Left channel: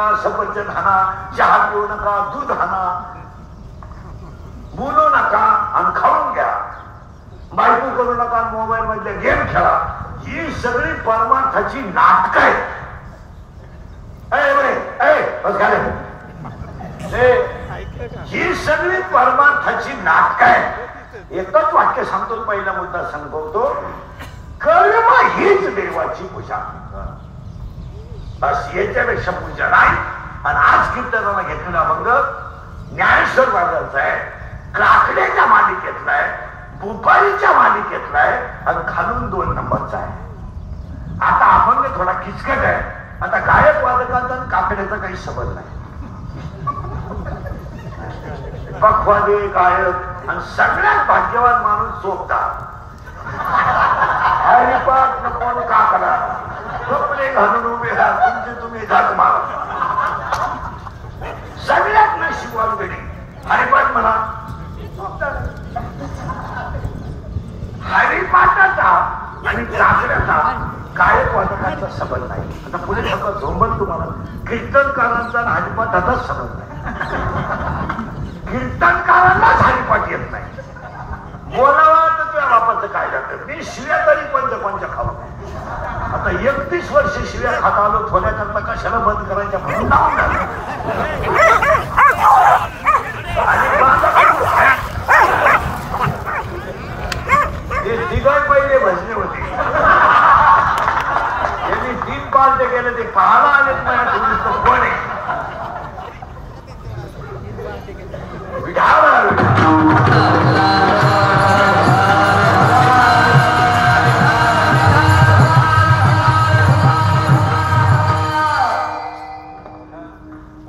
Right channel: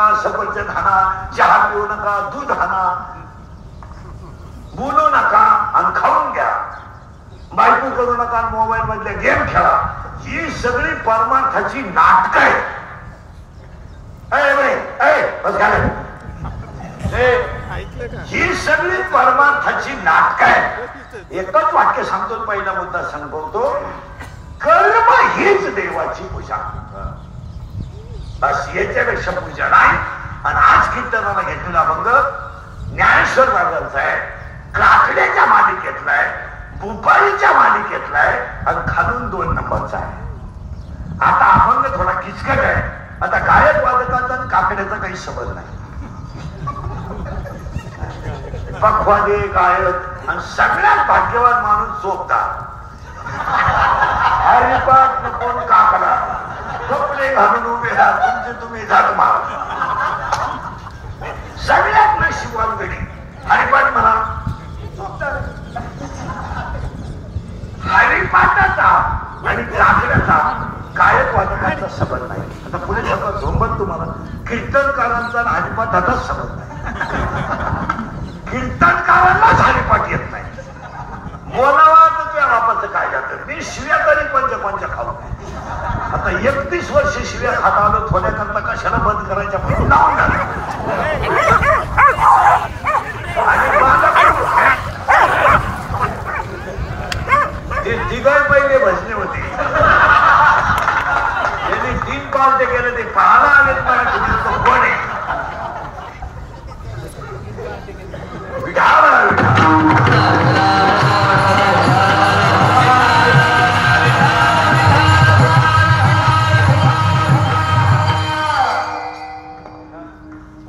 नका, सफरचंद हाना, चहा पिऊ नका, दूध हाना, बोलू नका आणि खाऊन घ्या, बायको करू नका, मोबाईल मधले गेम खेळा. ही सगळी परमार्थाची नाटक आहे. ही सगळी परमार्थाची नाटक आहे. एकच वाक्य सांगतो, पहिला मुद्दा सांगतो, कर्म हीच देवाची पूजा. बस याच्यापेक्षा पूजा नाही. आणि आज कीर्तनाला घेतलेला अभंग ज्ञानेश्वर बाजारचा आहे, काकड्याच्या मालिकेतला आहे, भोपाळीच्या मालिकेतला आहे आणि खालून 2 नंबरचा आहे. आता अभंग थोडा किचकट आहे. आता गायक वादकांचा आणि काकड्याचा काही संबंध नाही. पखवादे गायक आणि सगळ्यात भाग्यवान माणूस चोपतात. हरिपाठ नको काकडा, कपडे घालून उभे राहा, तुमचे तुम्ही जात मारा. सगळ्यात नशिबान वेळी हरिपाठ म्हणा. हरिपाठाचा आणि काकड्याचा गायक वादकांचा संबंध नाही. आता पुढे सगळं झोंबल तुम्हाला. कीर्तनकारांचा आणि हरिपाठाचाच संबंध नाही. कीर्तनकारांनाच हरिपाठ येत नाही. बोलावा तर त्या बापाचं काय जातं. मी शिव्या तरी पंच खाऊ. आता 31 वर्ष शिव्या खात आलो, थोड्याकरता कशाला बंद करायच्या म्हणून लावून आणि ते तिघाई पहिले भजने होते. त्यांनी 3 पालटे गेले, ते पाहायला आलेत नाही. तुम्ही तो कोण आहे?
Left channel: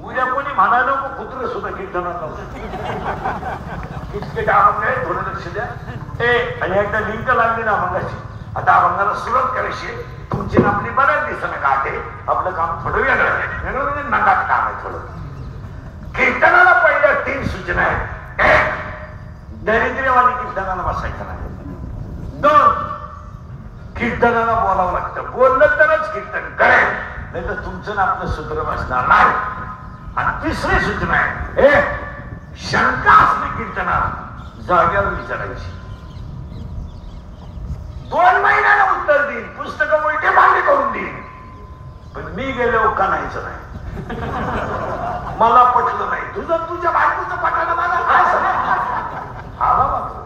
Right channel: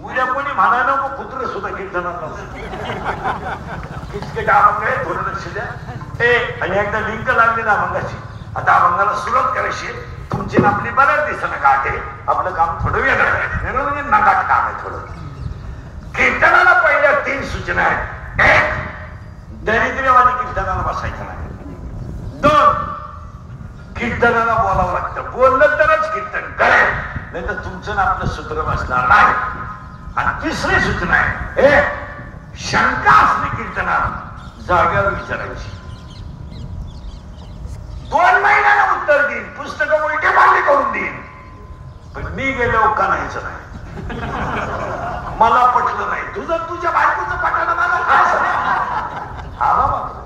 उद्या कोणी म्हणायला नको कुत्र सुद्धा कीर्तनात किचकिट अभंग आहे, थोडं लक्ष द्या. आणि एकदा लिंक लागली ना अभंगाची. आता अभंगाला सुरुवात करायची. तुमची आपली बऱ्याच दिसणं गाठे. आपलं काम थोडं वेगळं आहे, म्हणजे नगाट काम आहे थोडं. कीर्तनाला पहिल्या 3 सूचना आहेत. 1, दरिद्र्यवाली कीर्तनाला बसायचं नाही. 2, कीर्तनाला बोलावं लागतं. बोललं तरच कीर्तन करेल, नाही तर तुमचं ना आपलं सूत्र बसणार नाही. आणि 3री सूचना आहे, शंका असली कीर्तनात जाग्यावर विचारायची. 2 महिन्याने उत्तर देईन, पुस्तकं उलटे पालटे करून देईन, पण मी गेलो का नाहीच नाही. मला पटलं नाही. तुझं तुझ्या बायकोचं पटायला मला काय आला मात्र.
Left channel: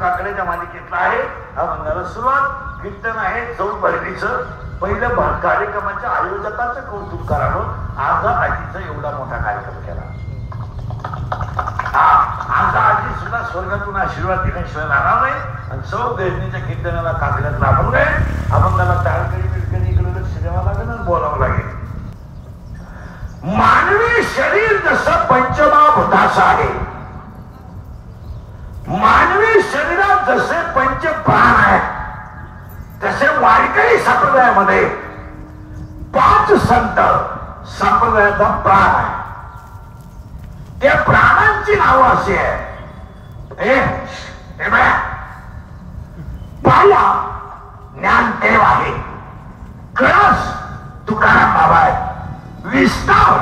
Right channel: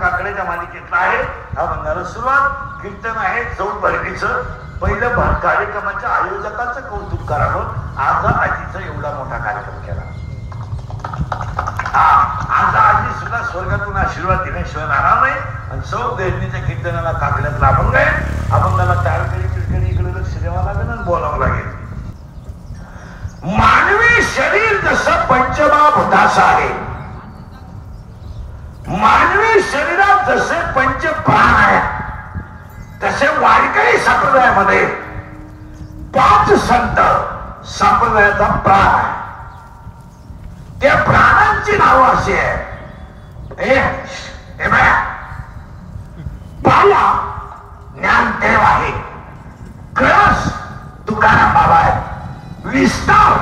काकड्याच्या मालिकेतला आहे हा बंगाला सुरुवात. कीर्तन आहे चौभरणीचं. पहिलं कार्यक्रमाच्या आयोजकांचं कौतुक करावं. आज आजीचा एवढा मोठा कार्यक्रम केला. आज आजी सुद्धा स्वर्गातून आशीर्वाद दिल्याशिवाय राहणार नाही. आणि चौभरणीच्या कीर्तनाला काकड्यातला अभंग आहे. अभंगाला टाळकरी बिडकरी इकडे लक्ष द्यावं लागेल आणि बोलावं लागेल. मानवी शरीर जसं पंचमहाभूताचं आहे, मानवी शरीरात जसे 5 प्राण आहेत, तसे वारकरी संप्रदायामध्ये 5 संत संप्रदायाचा प्राण आहे. त्या प्राणांची नावं अशी आहे. पाया ज्ञानदेव आहे, कळस तुकाराम बाबा आहे, विस्तार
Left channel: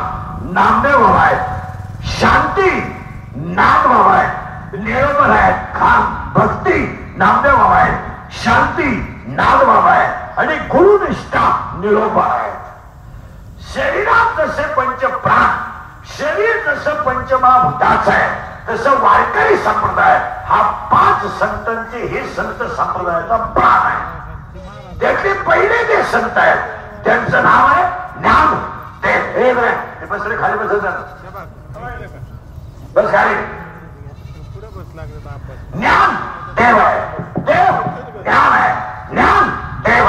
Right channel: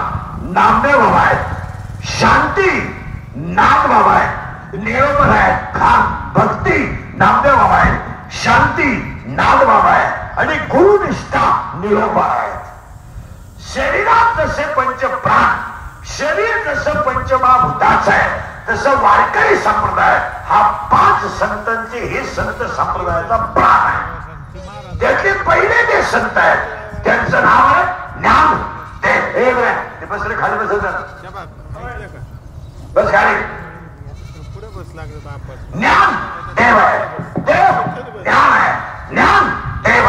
नामदेव बाबा आहे, शांती नाथ बाबा आहे, निरोबर आहे, खान भक्ती नामदेव बाबा आहे, शांती नाथ बाबा आहे आणि गुरुनिष्ठा निरोबर आहे. शरीरात जसे 5 प्राण, शरीर जसं पंचमहाभूताचं आहे, तसं वारकरी संप्रदाय हा 5 संतांचे हे संत संप्रदायाचा प्राण आहे. त्यातले पहिले जे संत आहेत त्यांचं नाव आहे ज्ञान देव. ते बसले खाली बसत बस खाली. ज्ञान देव आहे, देव ज्ञान आहे, ज्ञान देव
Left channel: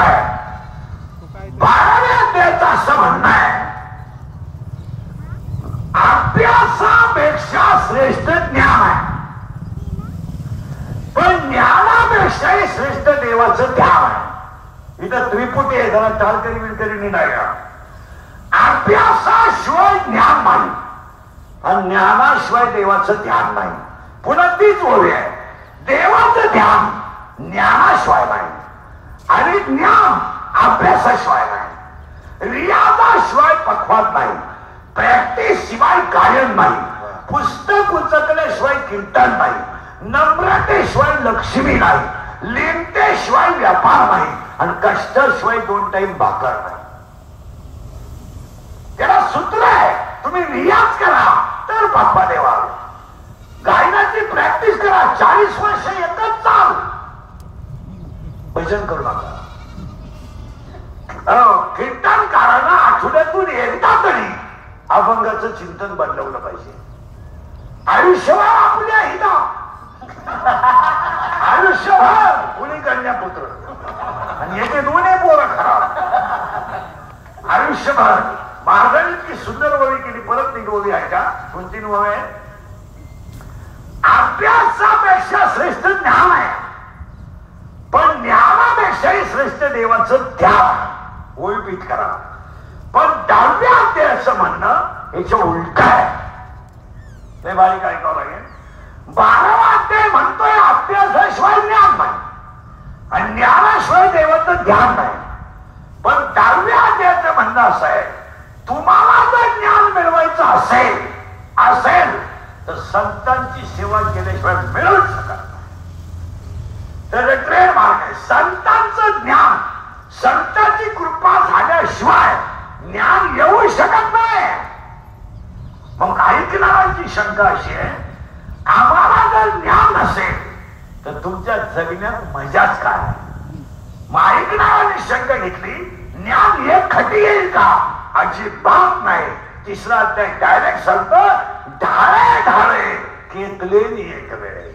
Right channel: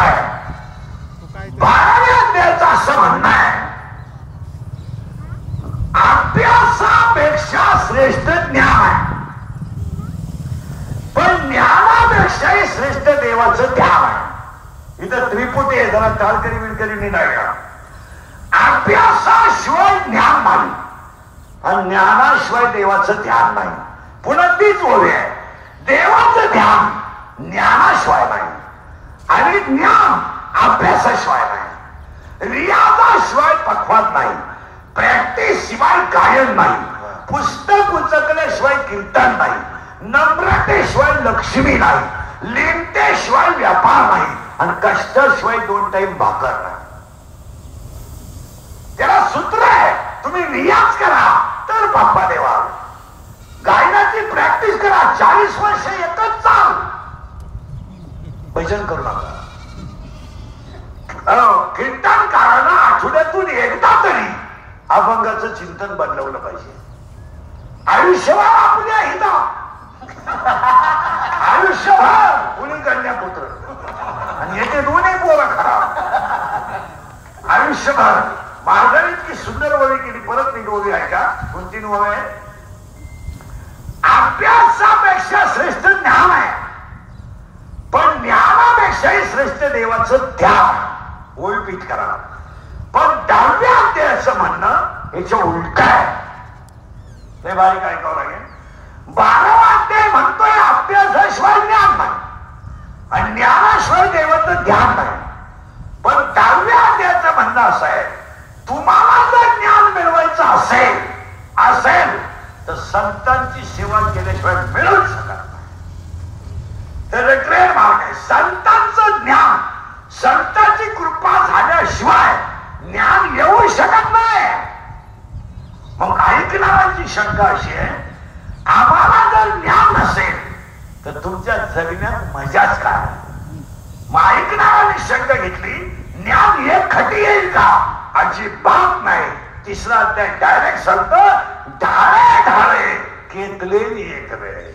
देवाचं ध्यान आहे. इथं त्रिपुटी आहे, जरा टाळकरी विळकरी नाही. अभ्यासाशिवाय ज्ञान नाही आणि ज्ञानाशिवाय देवाचं ध्यान नाही. पुन्हा तीच ओळी आहे, देवाचं ध्यान ज्ञानाशिवाय नाही आणि ज्ञान अभ्यासाशिवाय नाही, रियाजाशिवाय पक्वात नाही, प्रॅक्टिस शिवाय गायन नाही, पुस्तक उचकल्याशिवाय कीर्तन नाही, नम्रतेशिवाय लक्ष्मी नाही, लिमतेशिवाय व्यापार नाही आणि कष्टाशिवाय 2 टाइम भाकर नाही. त्याला सूत्र आहे, तुम्ही रियाज करा तर बाप्पा देवा. गायनाची प्रॅक्टिस करा, 40 वर्ष एकच चाल, भजन करू नका. कीर्तनकारांना आठवड्यातून एकदा तरी अभंगाचं चिंतन बदलवलं पाहिजे. आयुष्यभर आपल्या हिता, आयुष्यभर कुणी कन्यापुत्र आणि याचे 2 पोरं खराब. आयुष्यभर महाराजांनी इतकी सुंदर ओळी केली. परत नीट ओळी आहे का? 2-3 ओळी आहे. अभ्यासापेक्षा श्रेष्ठ ज्ञान आहे, पण ज्ञानापेक्षाही श्रेष्ठ देवाचं ध्यान. ओळपीट करा. पण 10व्या अध्यायाचं म्हणणं याच्या उलट आहे. ते बारीक ऐकावं लागेल. 12वा अध्याय म्हणतोय अभ्यासाशिवाय ज्ञान नाही आणि ज्ञानाशिवाय देवाचं ध्यान नाही. पण 10व्या अध्यायाचं म्हणणं असं आहे, तुम्हाला जर ज्ञान मिळवायचं असेल तर संतांची सेवा केल्याशिवाय मिळू शकत नाही. तर ट्रेन मार्ग संतांचं ज्ञान, संतांची कृपा झाल्याशिवाय ज्ञान येऊ शकत नाही. मग ऐकणाऱ्यांची शंका अशी आहे, आम्हाला जर ज्ञान नसेल तर तुमच्या जगण्यात मजाच काय? मग ऐकणाऱ्यांनी शंका घेतली, ज्ञान हे खटी येईल का? अजिबात नाही. 3रा अध्याय डायरेक्ट सांगतो, ढाळे ढाळे केतलेली एक वेळ.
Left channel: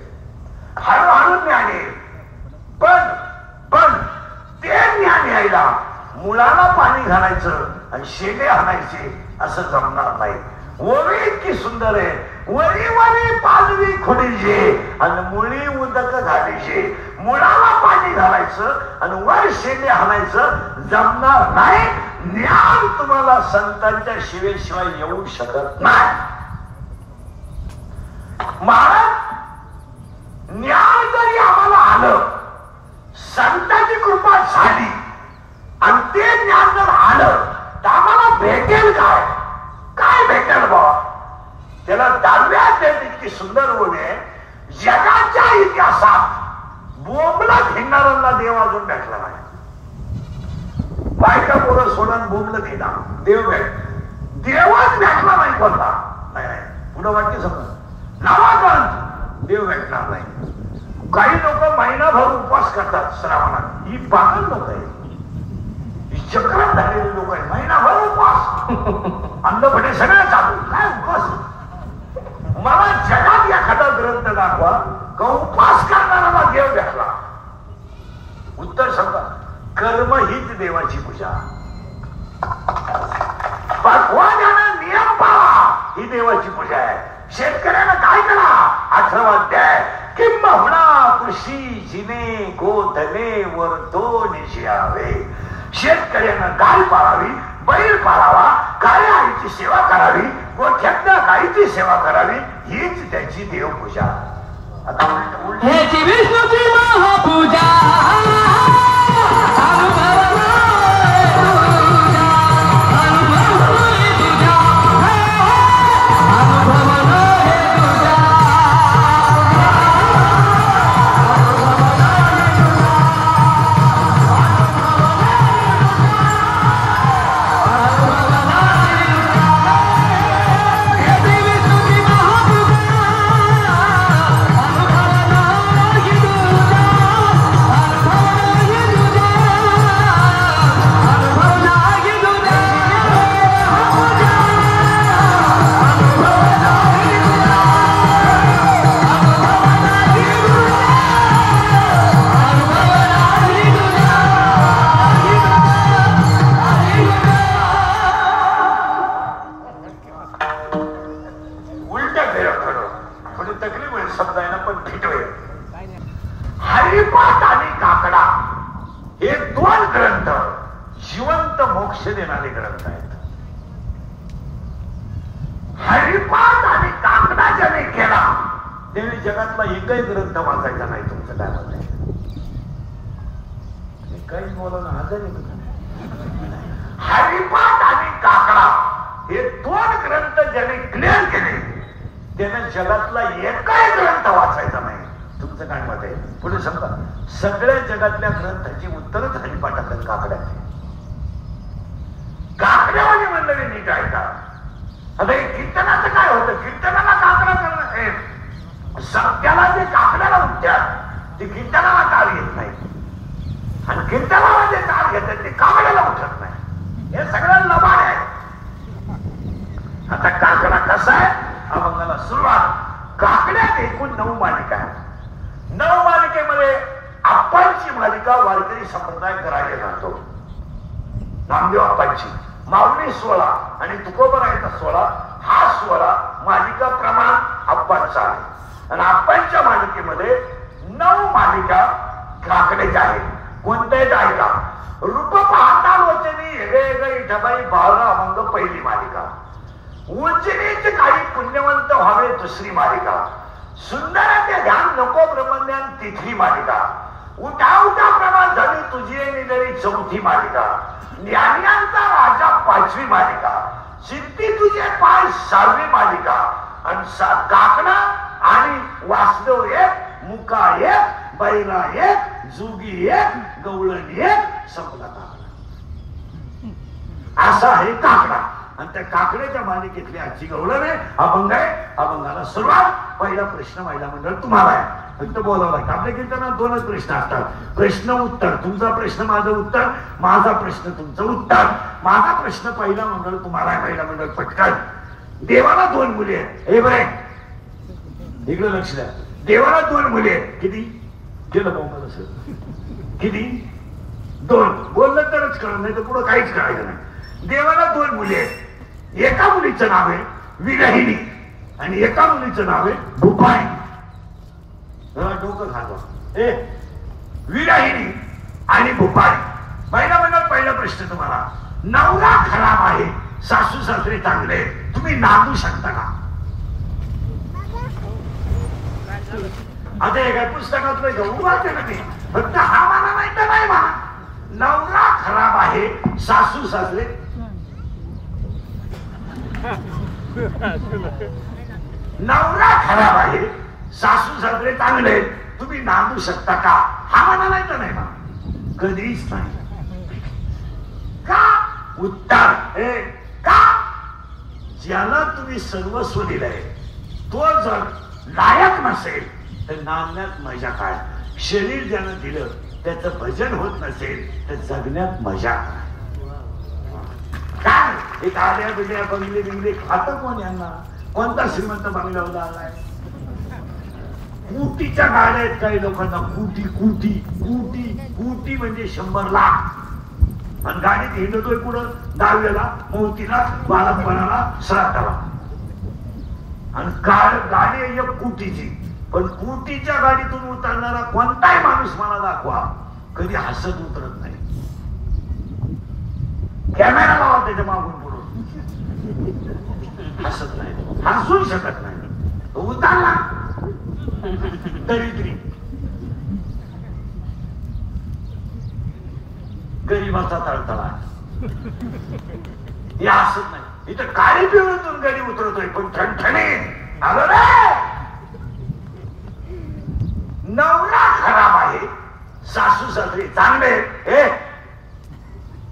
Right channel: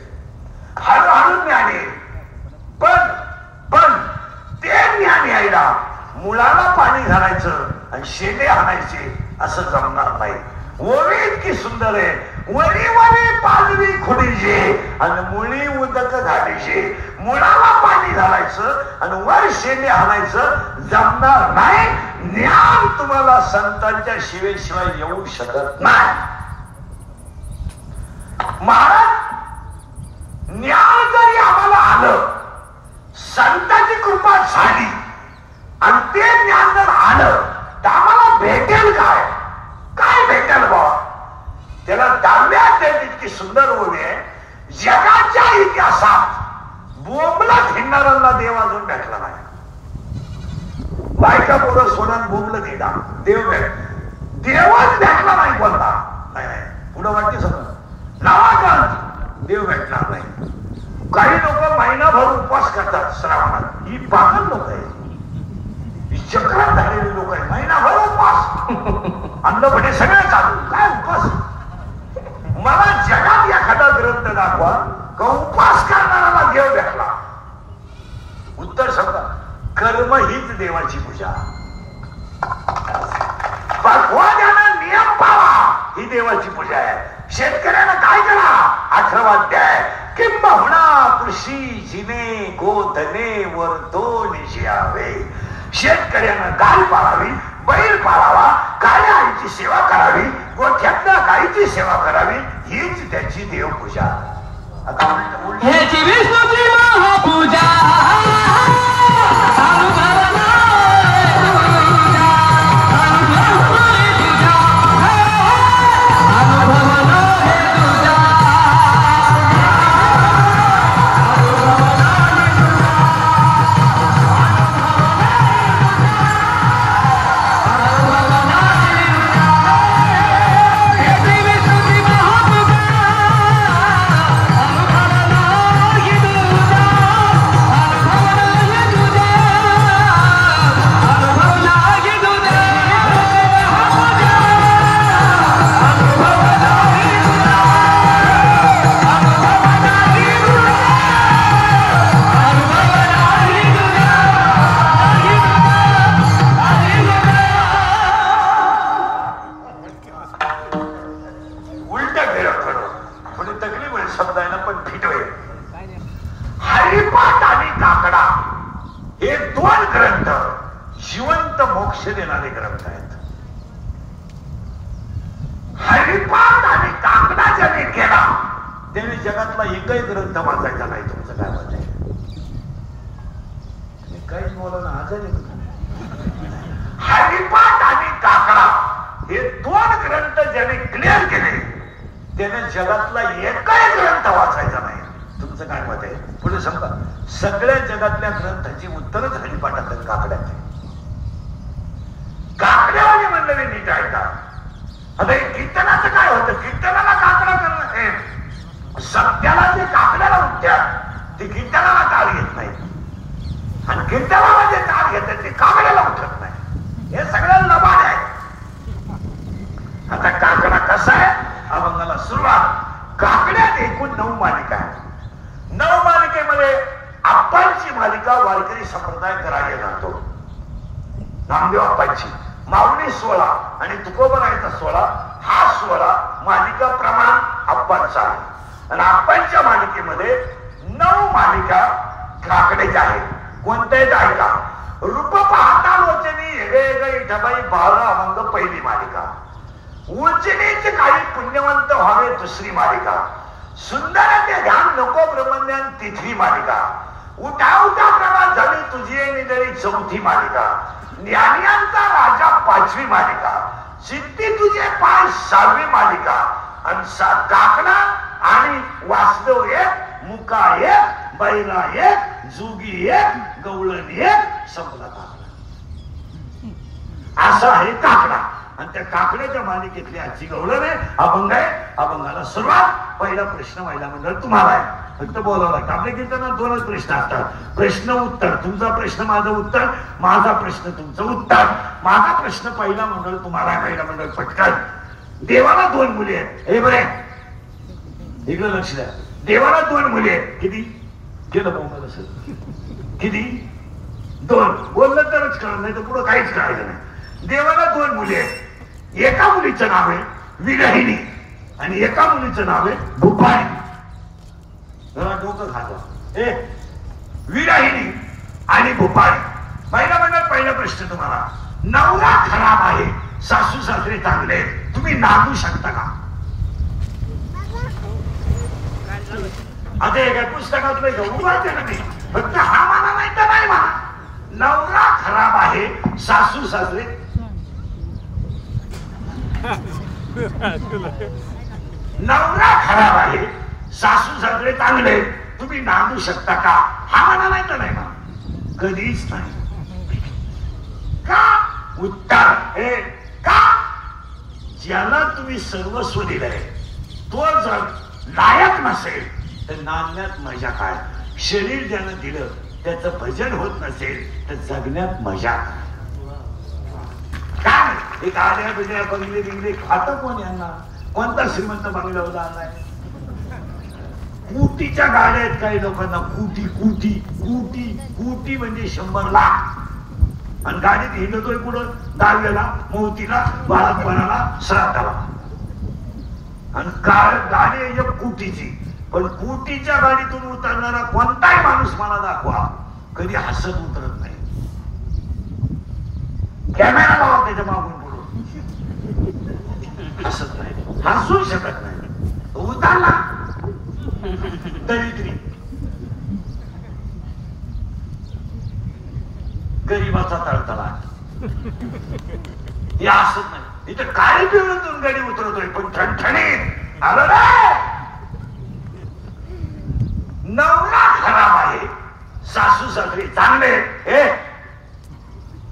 हळूहळू ज्ञान येईल. पण ते ज्ञान यायला मुळाला पाणी घालायचं आणि शेले हाणायचे असं जमणार नाही. ओवी इतकी सुंदर आहे, वरी वरी पालवी खुडीचे आणि मुळी उदक घालायचे. मुळाला पाणी घालायचं आणि वर शेले हाणायचं जमणार नाही. ज्ञान तुम्हाला संतांच्या शिवेशिवाय येऊ शकत नाही. महाराज, ज्ञान जरी आम्हाला आलं, संतांची कृपा झाली आणि ते ज्ञान जर आलं तर आम्हाला भेटेल काय? काय भेटेल बाबा? त्याला 10व्या अध्यायात इतकी सुंदर ओळी आहे, जगाच्या इतिहासात बोंबलत हिंडणाऱ्यांना देव अजून भेटला नाही. बायका पोरं सोडून बोंबलत दिला देव देवच भेटला नाही. कोणता नाही. पुढं वाटते समज नावागंज देव भेटणार नाही. काही लोक महिनाभर उपवास करतात श्रावणात. ही पागल लोक आहे, ही चक्रात झालेली लोक आहे. महिनाभर उपवास, अन्नपणे सगळं चालू. काय उपवास? मला जगात एखादा ग्रंथ दाखवा का उपवास करणाऱ्याला देव भेटला. उत्तर सांगा, कर्म हीच देवाची पूजा. पक्वाद्यानं नियम पाळा ही देवाची पूजा आहे. शेतकऱ्याला काय करा? 18वा अध्याय, किंबहुना कृषी जिने गोधने वर्धोन जियावे. शेतकऱ्यानं गाय पाळावी, बैल पाळावा, काळ्या आईची सेवा करावी, गोठ्यातल्या गायीची सेवा करावी, हीच त्याची देवपूजा. आता ह्याची विष्णूची महापूजा. ग्रंथ जिवंत मोक्ष देणारे ग्रंथ आहेत. हरिपाठ आणि काकडा ज्याने केला त्याने जगातला एकही ग्रंथ वाचायचा नाही. तुमचं काय मत आहे? मी काहीच बोला ना. हरिपाठ आणि काकडा हे दोन ग्रंथ ज्याने क्लिअर केले त्याने जगातला एकही ग्रंथ वाचायचा नाही. तुमचं काय मत आहे? पुढे सांगा. सगळ्या जगातल्या ग्रंथाची उत्तरच हरिपाठात आणि काकड्यात. काकड्यावाले म्हणलं मी नीट ऐका. आता हे कीर्तनाचं काय होतं? कीर्तनाला काकडा करणं, सत्याला जे काकड्याला उठतात ते कीर्तनाला काळ घेत नाही आणि कीर्तनाला जे काळ घेतात ते काकड्याला उठत नाही. हे सगळ्याला लबाड आहे. आता काकडा कसा आहे? अभंगाला सुरुवात. काकड्यात एकूण 9 मालिका आहे. 9 मालिकेमध्ये आप्पांची मालिका वारकरी संप्रदाय करायला जातो. नामदेव आप्पांची माऊली 16 आणि तुकोबरायचा 16 हा 16 मालिका प्रमाण आप्पांचा आहे. आणि आप्पांच्या मालिकेमध्ये 9 मालिका काकड्याच्या आहेत. कोणत्याही ऐका. रूप पाहता लोचनी हेगे इठाबाई 12 अभंग पहिली मालिका. उंचनीचे काही पुण्यवंत व्हावे दुसरी मालिका. सुंदराचे ध्यान नको ब्रह्मज्ञान तिसरी मालिका. उठा उठा प्रमाण झाली तुझी निधळी चौथी मालिका. ज्ञानियांचा राजा 5वी मालिका. सिद्धी तुझे पाय 6वी मालिका. आणि काकडा आणि वासदेव 1, मुका 1, बैला 1, जुगी 1, गवळण 1, संपला काकडा. असा आहे काकडा. आणि त्या काकड्याच्या मालिकेतली आजची गवळण आहे. अभंग आहे. अभंगाला सुरुवात. पहिला प्रश्न महिला मंडळ तुम्हाला आहे. फक्त बोलावं लागतं. आपल्या कीर्तनात 2च प्रश्न असतात. प्रश्न उत्तर. तुमचा प्रश्न माझं उत्तर, माझा प्रश्न तुमचं उत्तर. माझा प्रश्न पहिला मंडळ तुम्हाला आहे. पहिला मंडळ पटकन. देवाला 2 मुली आहेत. हे बरे इकडे लक्ष द्या. देवाला 2 मुली आहेत. किती केलं पाहू मला सर? किती? 2. बोललं तरच कळलं, नाही तर पुढं काहीच कळायचं नाही. देवाला 2 मुली आहेत. एका मुलीचं नाव आहे विरहिणी आणि एका मुलीचं नाव आहे भूपाळी. डोकं खातो. विरहिणी आणि भूपाळी. पहिला मंडळ पहिला प्रश्न तुम्हाला. नवरा खराब आहे, सासू सासरे चांगले, तुम्ही नांदू शकता का? आता एका पुस्तकातलं घेऊन वाचते ना मी. फक्त हा मला नाही तर नाही म्हणा. नवरा खराब आहे, सासू सासरे नवरा खराब आहे, सासू सासरे चांगले, तुम्ही नांदू शकता का? हा म्हणा नाही तर नाही म्हणा. कधीच नाही. का? उत्तर हे का? ज्याला तुम्ही सर्वस्व दिलंय तो जर लायक नसेल तर नांदण्यात मजा काय? शरीर ज्यानं दिलं त्याचं भजन होत नसेल तर जगण्यात मजा काय? हे गाड्या बिड्या बंगले बिंगले खातं कोण? यांना कोणता श्रीमंत बंगल्यावर आलाय? कोटीच्या गाड्या आहेत काही लोकांना. कोटी कोटी कोटी कोटी म्हणजे 100 लाख. आणि गाडीत हिंडतोय कुठं? दहाव्याला, मौतीला, बाळापणाला, श्राद्धाला. आणि गाडी 1 कोटीची. पण कोटीच्या गाडीतून उतरणारा कोणताही माणूस मला दाखवा कधी हसत उतरत नाही. कॅमेरा लावा त्याच्या मागून पुढून, हसत नाही, हसू शकत नाही. उतरला दरिद्री गरीबाचा तळतळा. हे हसत नाही. इथं काळी पिवळून गाडी उतरतोय पण ठणठणीत आलं रे. नवरा खराब आहे, सासू सासरे चांगले, हे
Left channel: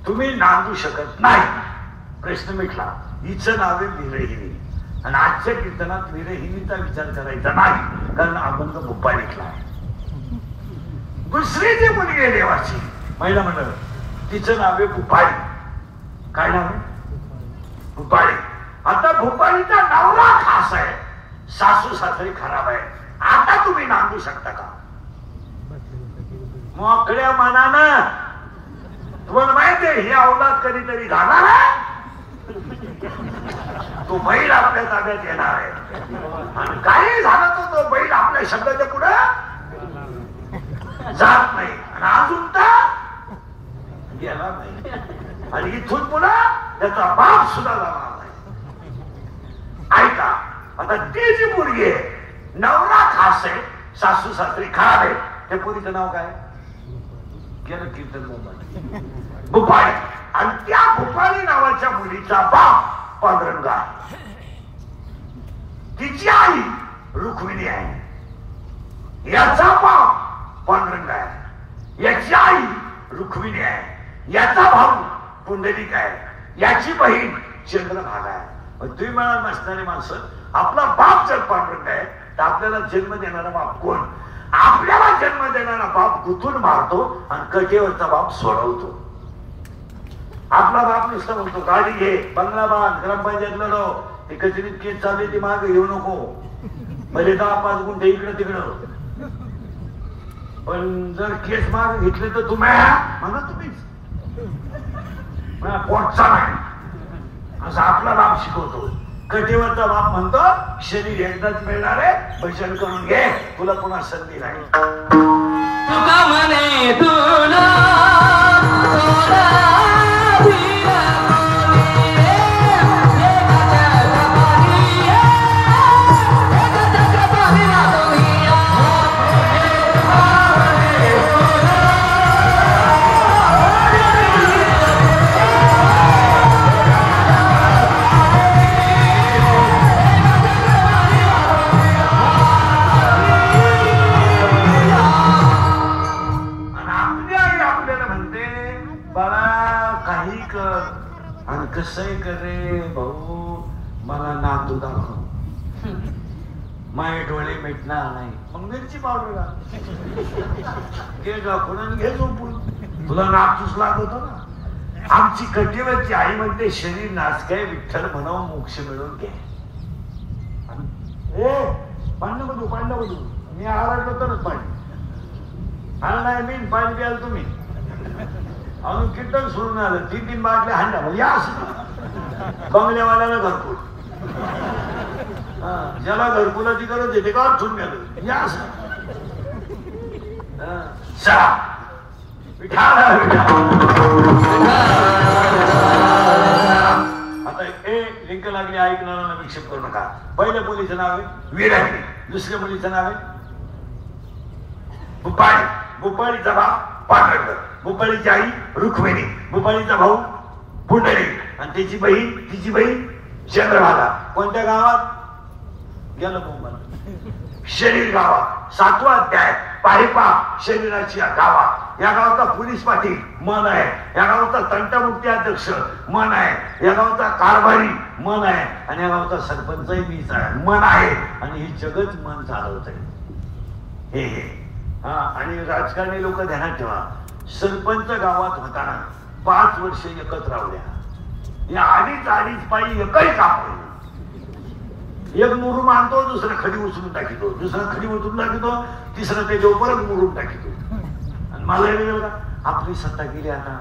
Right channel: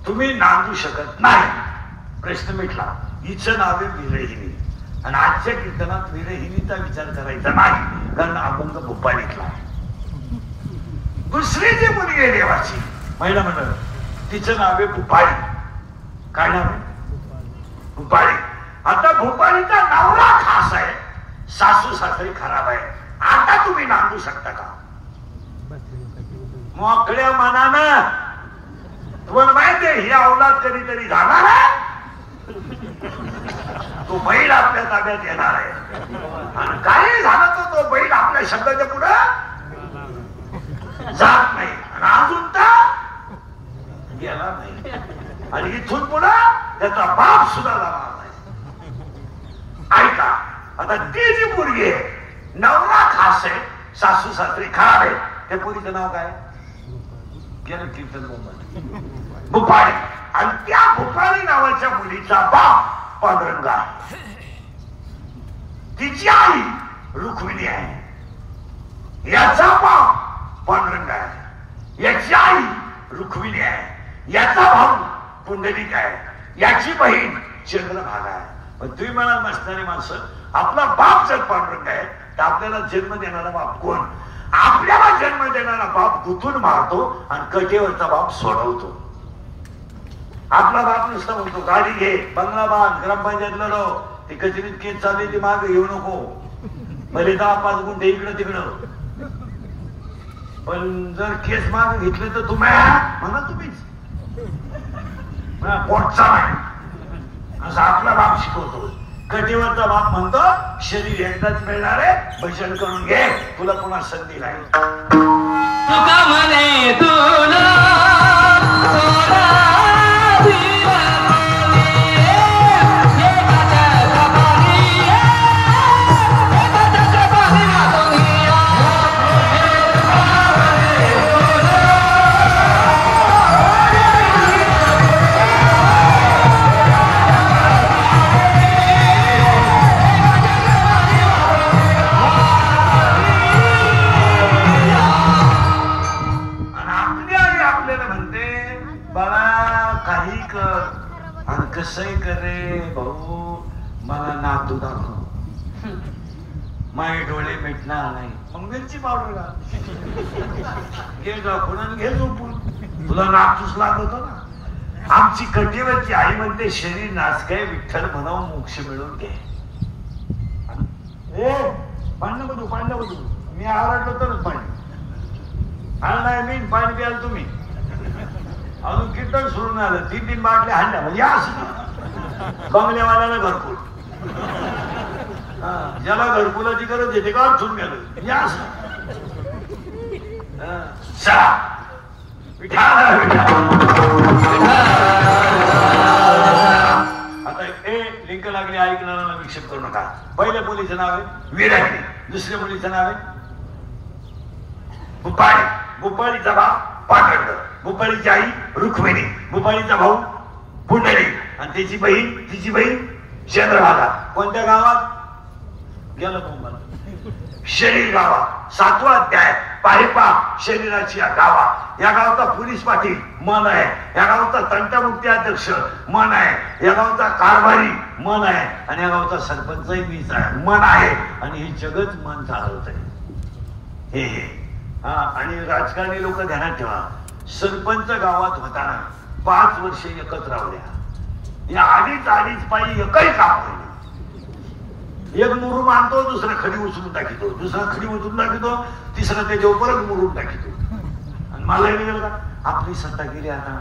तुम्ही नांदू शकत नाही. प्रश्न मिटला. हिचं नाव आहे विरहिणी. आणि आजच्या कीर्तनात विरहिणीचा विचार करायचा नाही कारण अभंग भूपाळीतला. दुसरी जी मुलगी आहे देवाची महिला मंडळ, तिचं नाव आहे भूपाळी. काय नाव आहे? भूपाळी. आता भूपाळीचा नवरा खास आहे, सासू सासरे खराब आहे. आता तुम्ही नांदू शकता का? मोकळ्या मनानं. तुम्हाला माहिती आहे ही अवलाद कधीतरी जाणार आहे. तो बैल आपल्या ताब्यात येणार आहे आणि काही झालं तर तो बैल आपल्या शब्दाच्या पुढे जात नाही. आणि अजून तर गेला नाही आणि इथून पुन्हा त्याचा बाप सुद्धा जाणार नाही. ऐका, आता ती जी मुलगी आहे, नवरा खास आहे, सासू सासरी खराब आहे, त्या पोरीचं नाव काय? गेलं कीर्तन मुंबई भुपाळी. आणि त्या भुपाळी नावाच्या मुलीचा बाप पांडुरंग आहे. तिची आई रुक्मिणी आहे. याचा बाप पांडुरंग आहे. याची आई रुक्मिणी आहे. याचा भाऊ पुंडलिक आहे. याची बहीण चंद्रभागा आहे. पण तुम्ही म्हणाल नसणारी माणसं, आपला बाप जर पांडुरंग आहे तर आपल्याला जन्म देणारा बाप कोण? आपल्याला जन्म देणारा बाप गुतून मारतो आणि कटेवरचा बाप सोडवतो. आपला बाप नुसतं म्हणतो गाडी घे, बंगला बांध, ग्रामपंचायत लढव, ते कचेरीत केस चालली ती मागे येऊ नको, भले 10-5 गुंठे इकडं तिकडं. पण जर केस मागे घेतले तर तुम्ही म्हणा तुम्हीच पोटचा नाही असं आपला बाप शिकवतो. कटेवरचा बाप म्हणतो शरीर एकदाच मिळणार आहे, भजन करून घे, तुला पुन्हा संधी नाही. तुका म्हणे तुला कसंही करे भाऊ, मला नातू दाखव, माझे डोळे मिटणार नाही. मग मिरची पावडर घे दाखवून आणि घे झोपून, तुला नातूच लागत ना. आमची कटेवरची आई म्हणते शरीर नाचकाय विठ्ठल म्हणावं मोक्ष मिळवून घे. पाणी बघू, पाणी बघू, मी आरडलो तरच पाणी आलं नाही. मी पाणी प्याल तुम्ही अजून कीर्तन सुरू नाही आलं. 3-3 बाटल्या हाणल्या म्हणजे असं बंगल्यावाल्याला घरकुल, ज्याला घरकुलाची गरज आहे ते का अडचून गेलं या असं. चला आता हे लिंक लागली ऐकणाऱ्यांना विक्षेप करू नका. पहिल्या मुलीचं नाव आहे विराटी, दुसऱ्या मुलीचं नाव आहे भुपाळी. भुपाळीचा बाप पांडुरंग, भुपाळीची आई रुक्मिणी, भुपाळीचा भाऊ पुंडलिक आणि तिची बहीण चंद्रभागा. कोणत्या गावात? गेलं मुंबईला. शरीर गावात. 7वा अध्याय पाहिपा शरीराची गावा. या गावाचा पोलीस पाटील मन आहे. या गावाचा तंटमुक्ती अध्यक्ष मन आहे. या गावाचा कारभारी मन आहे. आणि या गावाचा सरपंचही मीच आहे, मन आहे. आणि हे जगत मन चालवत आहे. हे हा. आणि राजकारणी लोक ध्यानात ठेवा, सरपंच गावात होताना 5 वर्ष एकत्र राहल्या. या अडीच पायी एकही काम होईल. एक मुरुम आणतो, दुसरा खडी उचलून टाकितो, दुसरा खडी उचलून टाकितो, तिसरा त्याच्यावर परत मुरुम टाकितो. आणि मला गेलं का आपली सत्ता गेली. आता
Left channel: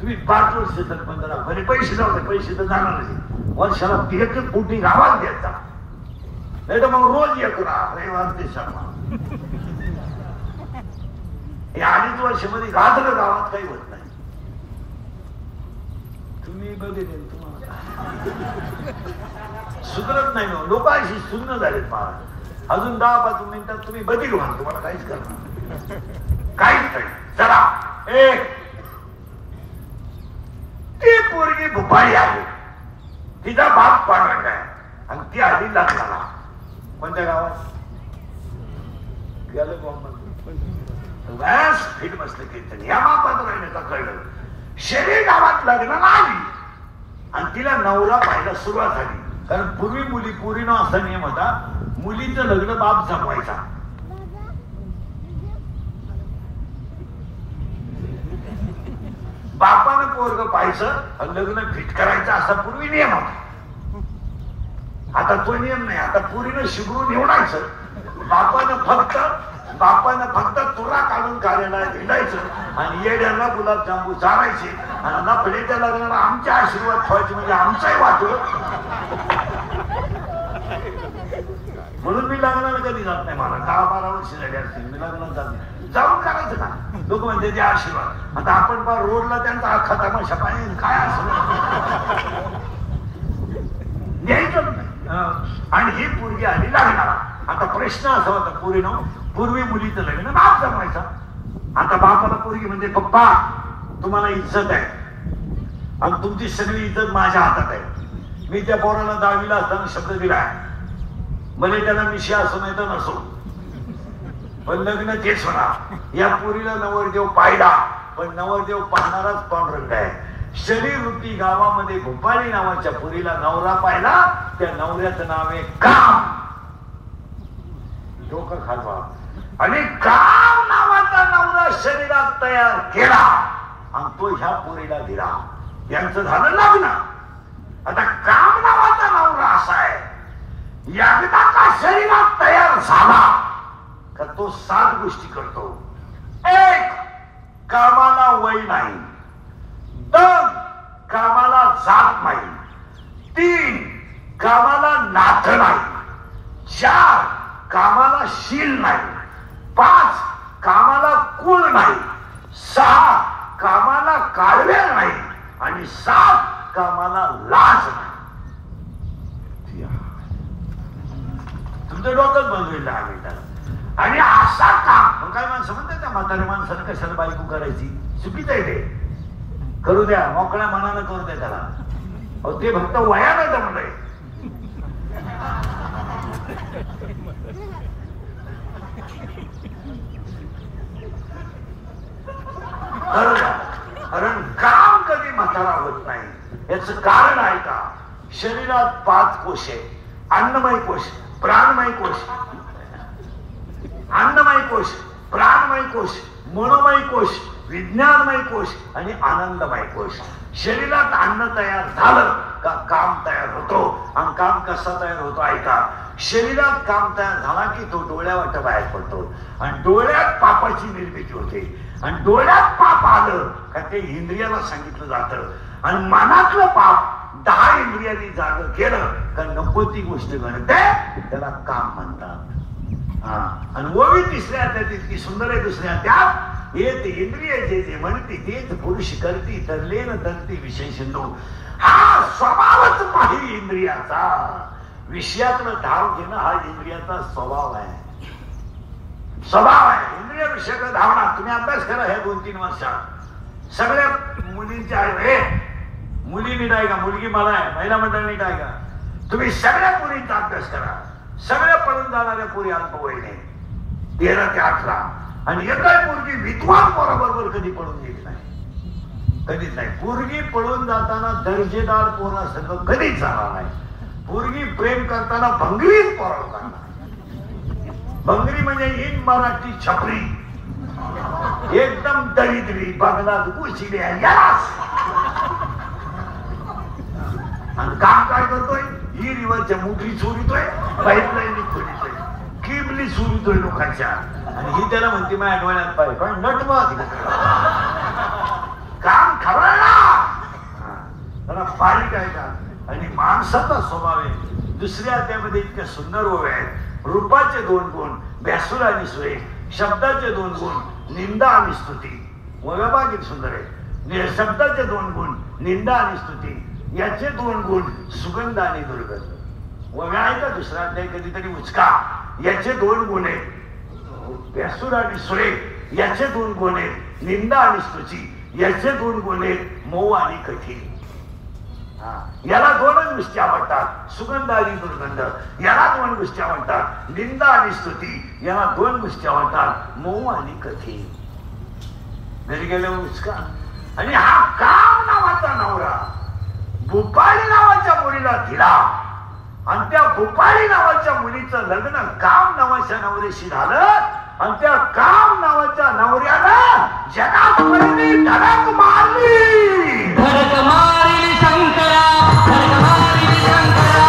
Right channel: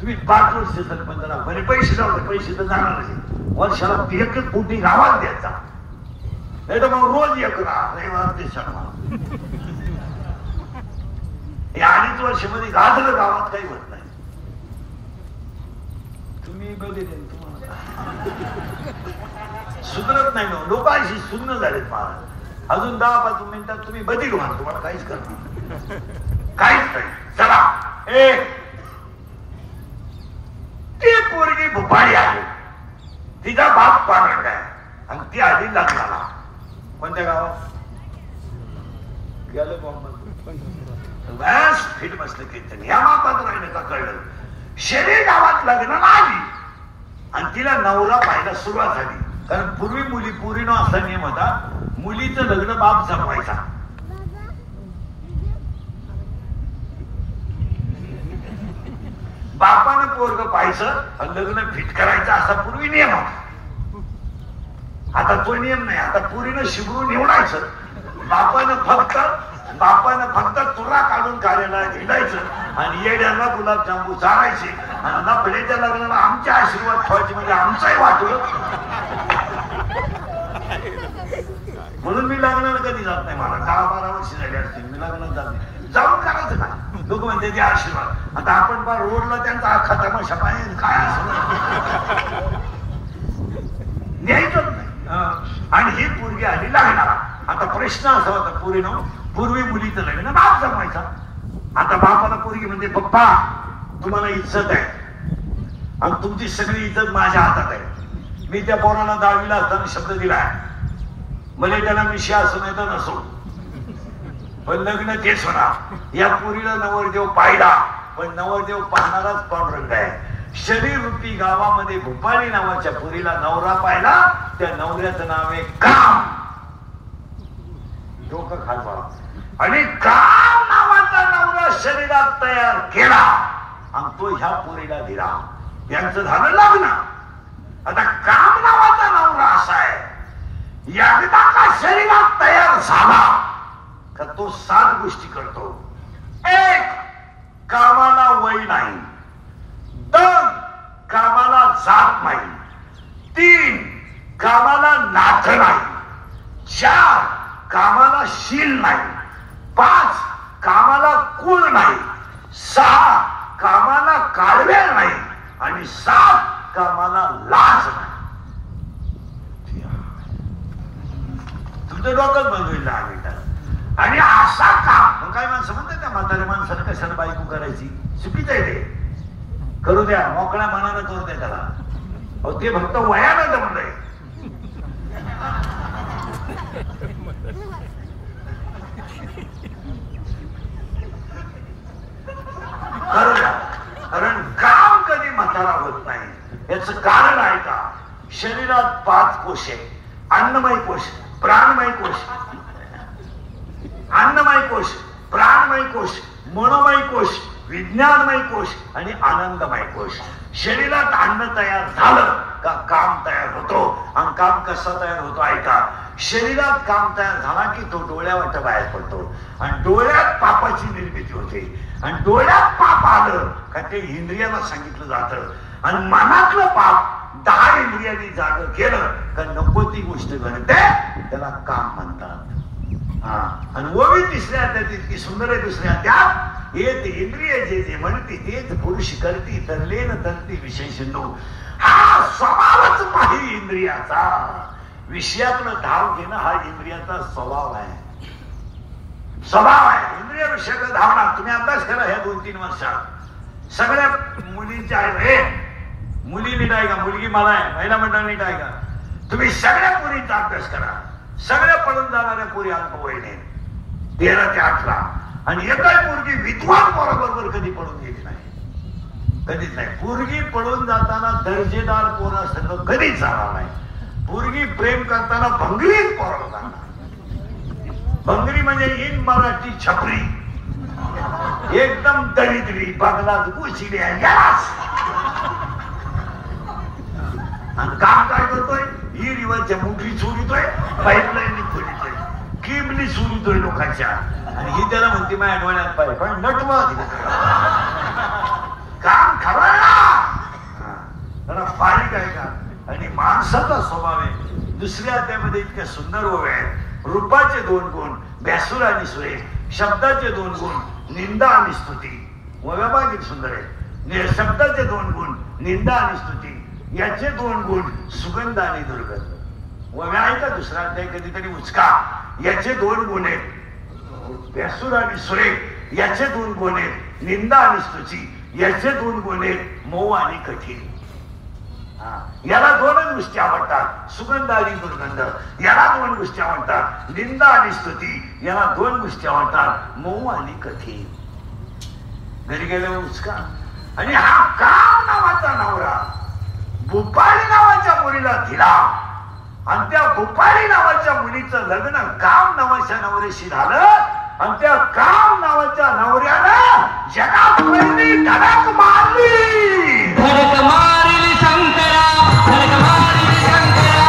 तुम्ही 5 वर्ष सरपंच राहा, बरे पैसे जाऊ दे, पैसे तर जाणार नाही. वर्षाला 1 कोटी गावात घ्यायचा, नाही तर मग रोज एक राहा, रविवार ते शनिवार. या 2.5 वर्षामध्ये गाजलं गावात काही होत नाही. तुम्ही बघितले तुम्हाला सुधरत नाही. लोक अशी सुन्न झालेत. मला अजून 10-5 मिनिटात तुम्ही बदली व्हा, तुम्हाला काहीच करणार काहीच नाही. चला ती पोरगी भुपाळी आहे, तिचा बाप पांडुरंग आहे आणि ती आधी लग्नाला. कोणत्या गावात? गेलं बॉम्ब फिट बसलं कीर्तन. या मापात राहिलं का कळलं. शरीर गावात लग्नाला आली आणि तिला नवरा पाहायला सुरुवात झाली. कारण पूर्वी पोरीनं असा नियम होता, मुलीचं लग्न बाप जमवायचा. बापानं पोरग पाहायचं आणि लग्न फिट करायचं असा पूर्वी नियम होता. आता तो नियम नाही. आता पुरीनं शिबरून निवडायचं, बापानं फक्त तुरा काढून कार्यालयात हिंडायचं आणि येड्याला गुलाबजांबू चारायचे आणि नफड्याच्या लग्नाला आमचे आशीर्वाद ठेवायचे, म्हणजे आमचाही वाटलं. म्हणून मी लग्नाला कधी जात नाही. मला 10-12 वर्ष झाली असतील मी लग्नाला जात नाही. जाऊन करायचं ना. लोक म्हणते ते आशीर्वाद. आता आपण बा रोडला त्यांचा अख्खा तमाशा पाहिजे काय आशीर्वाद न्यायचंच नाही. आणि ही पोरगी आली लागणार. आता प्रश्न असा होता पोरीनं, पूर्वी मुलीचं लग्न बाप जमवायचा. आता बापाला पोरगी म्हणजे पप्पा तुम्हाला इज्जत आहे आणि तुमची सगळी इज्जत माझ्या हातात आहे. मी त्या पोराला 10वीला असताना शब्द दिलाय, भले त्याला मिशी असो नाही तर नसो, पण लग्न तेच होणार. या पोरीला नवरदेव पाहिला, पण नवरदेव पाहणाराच पांडुरंग आहे. शरीर रूपी गावामध्ये भोपाळी नावाच्या पोरीला नवरा पाहिला, त्या नवऱ्याचं नाव आहे काम. डोकं खाजवा. आणि काम नावाचा नवरा शरीरात तयार केला आणि तो ह्या पोरीला दिला. यांचं झालं लग्न. आता काम नावाचा नवरा असा आहे, एकदा का शरीरात तयार झाला का तो 7 गोष्टी करतो. 1 कामाला वय नाही. 2 कामाला जात नाही. 3 कामाला नाथ नाही. 4 कामाला शील नाही. 5 कामाला कुळ नाही. 6 कामाला काळवेळ नाही. आणि 7 कामाला लाज नाही. तुमचं डोकंच बनविलं आम्ही त्याला. आणि असा काम काय माणसं म्हणतात त्या म्हाताऱ्या माणसानं कशाला बायको करायची, चुकीचं आहे ते. करू द्या, मोकळ्या मनानं करू द्या त्याला. अहो ते फक्त वयानं जमलंय. करू द्या, कारण काम कधी म्हातारा होत नाही. याच कारण आहे का, शरीरात 5 कोश आहे. अन्नमय कोश, प्राणमय कोश, अन्नमय कोश, प्राणमय कोश, मनोमय कोश, विज्ञानमय कोश आणि आनंदमय कोश. शरीरात अन्न तयार झालं का काम तयार होतो. आणि काम कसा तयार होतो ऐका. शरीरात काम तयार झाला की तो डोळ्यावाट बाहेर पडतो आणि डोळ्यात पापाची निर्मिती होते. आणि डोळ्यात पाप आलं का ते इंद्रियाला सांगितलं जातं. आणि मनातलं पाप 10 इंद्रियांनी जाग केलं का 90 ती गोष्ट घडते, त्याला काम म्हणतात. आणि ओवी तिसऱ्या इतकी सुंदर आहे. दुसऱ्या त्यात येत इंद्रिय जे जे म्हणते तेच पुरुष करती, तरले न तरती विषय सिंधू. हा स्वभावच पाहिजे इंद्रियाचा. विषयातलं धाव घेणं हा इंद्रियाचा स्वभाव आहे. स्वभाव आहे इंद्रिय विषयाकडे धावणार. तुम्ही अभ्यास करा ह्या 2-3 वर्षात. सगळ्या मुलींच्या मुली नीट आहे का, मुलगी मला आहे, महिला मंडळ नीट आहे का, तुम्ही सगळ्या मुलींचा अभ्यास करा. सगळ्या पळून जाणाऱ्या पोरी अल्पवयीने 13 ते 18. आणि एकाही पोरगी विद्वान पोराबरोबर कधी पळून गेली नाही, कधीच नाही. पोरगी पळून जाताना दर्जेदार पोरं सगळं कधीच जाणार नाही. पोरगी प्रेम करताना भंगरीच पोराला जाणार. भंगरी म्हणजे इन मराठी छपरी, एकदम दरिद्री, बंगलात घुसल्या यालाच. आणि काम काय करतोय, ही रिवाजच्या मुठली चोरीतोय, पाईपलाईन खोलीतोय, किमली चोरीतोय लोकांच्या. आणि ही त्याला म्हणते माझ्या डोळ्यात पाहिजे, पण नटवा काम खरं त्याला बारीक आहे का. आणि माणसाचा स्वभाव आहे. दुसऱ्या अध्यायामध्ये इतक्या सुंदर ओव्या आहेत. रूपाचे 2 गुण, भ्यासूर आणि सुरेख. शब्दाचे 2 गुण, निंदा आणि स्तुती. ओव्या बाकी सुंदर आहे. शब्दाचे 2 गुण, निंदा आणि स्तुती. याचे 2 गुण, सुगंध आणि दुर्गंध. ओव्या आहे का दुसरा अध्याय कधीतरी उचका. याचे 2 गुण आहेत भ्यासूर आणि सुरेख. याचे 2 गुण आहेत निंदा आणि स्तुती. याचे 2 गुण आहेत मऊ आणि कठीण. याला 2च गोष्टी आवडतात, सुगंध आणि दुर्गंध. याला 2 गोष्टी आवडतात, निंदा आणि स्तुती. याला 2 गोष्टी आवडतात, मऊ आणि कठीण. घरी गेल्यावर उचका. आणि हा काम नावाचा नवरा भूपाळी नावाच्या मुलीला दिला. आणि त्या भूपाळी नावाच्या मुलीचं लग्न काम नावाच्या नवऱ्याशी झालं. आणि त्या काम नावाच्या नवऱ्याला जगात पहिली धडक मारली. धडक मारली शंकरा, धडक मारली शंकरा.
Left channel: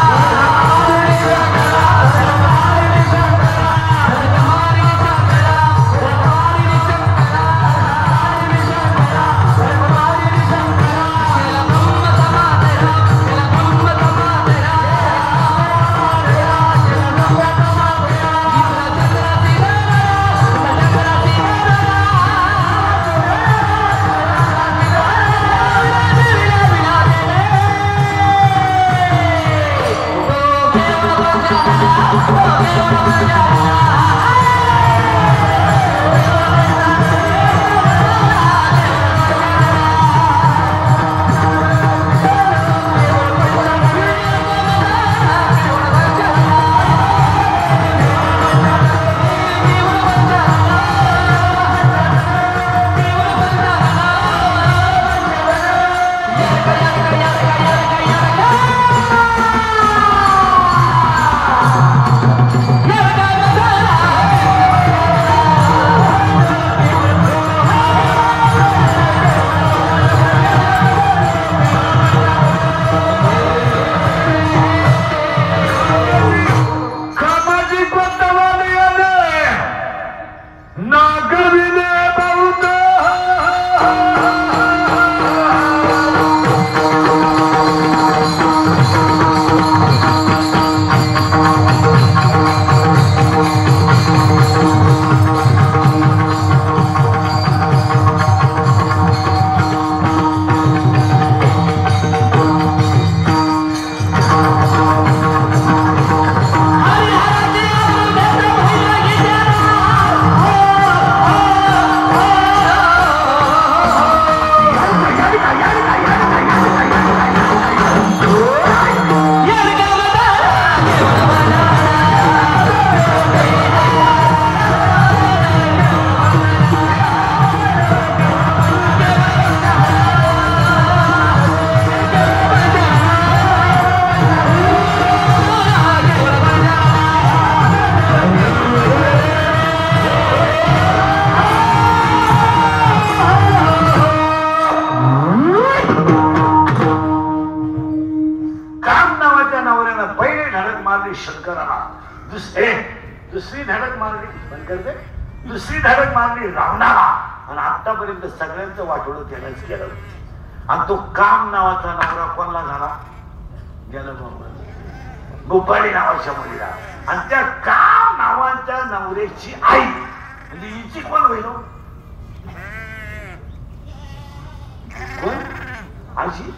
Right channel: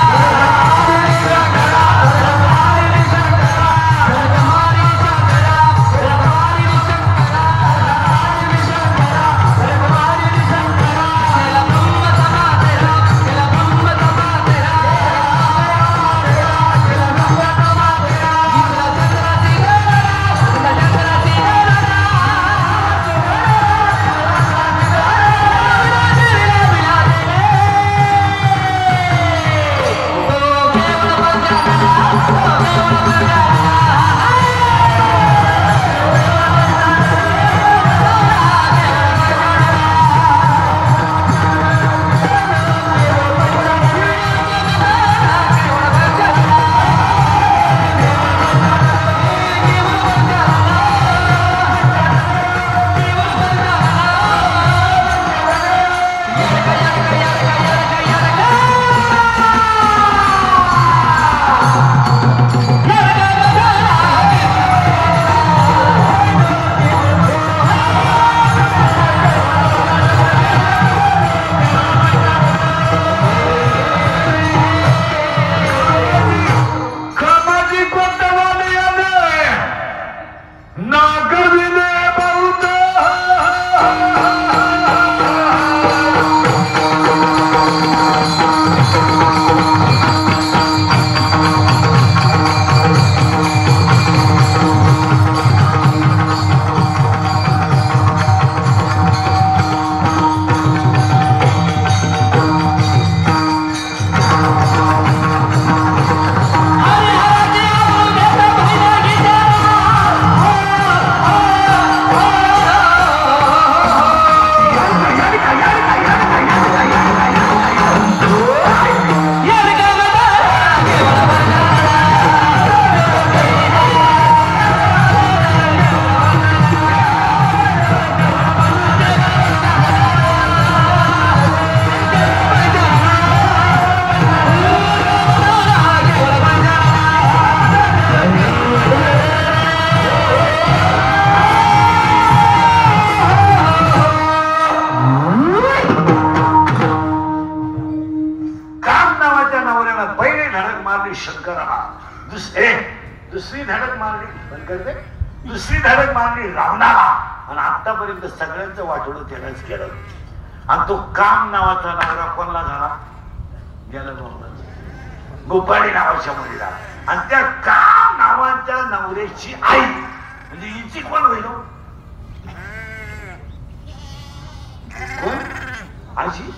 शंकराला दुसरी धडक मारली पण करते दुसरी धडक मारली रावणाला आणि आतापर्यंत सगळ्यांचं वाटोळं त्यालाच केलं आणि तो काम नावाचा नवरा कोणला झाला गेला गोपाळी नावाच्या मुलीला आणि त्या काम नावाच्या नवऱ्याची आई म्हणजे हिची कोण होईल कोण आजी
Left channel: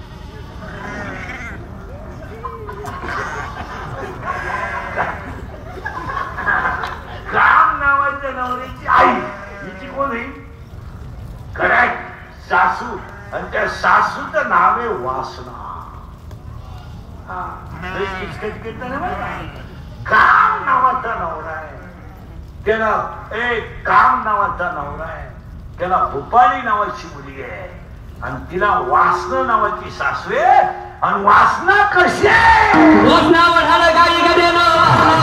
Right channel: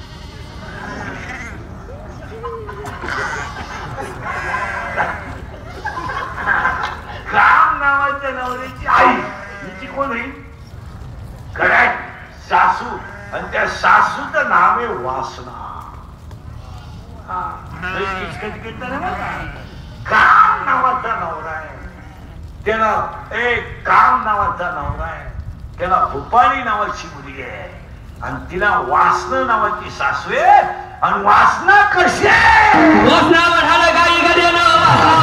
काम नावाच्या नवऱ्याची आई हिची कोण होईल करेक्ट सासू आणि त्या सासूचं नाव आहे वासना काम नावाचा नवरा आहे त्याला काम नावाचा नवरा आहे त्याला भूपाळी नावाची मुलगी आहे आणि तिला वासना नावाची सासू आहे आणि वासना कशी आहे वासना वाढायला काही करेना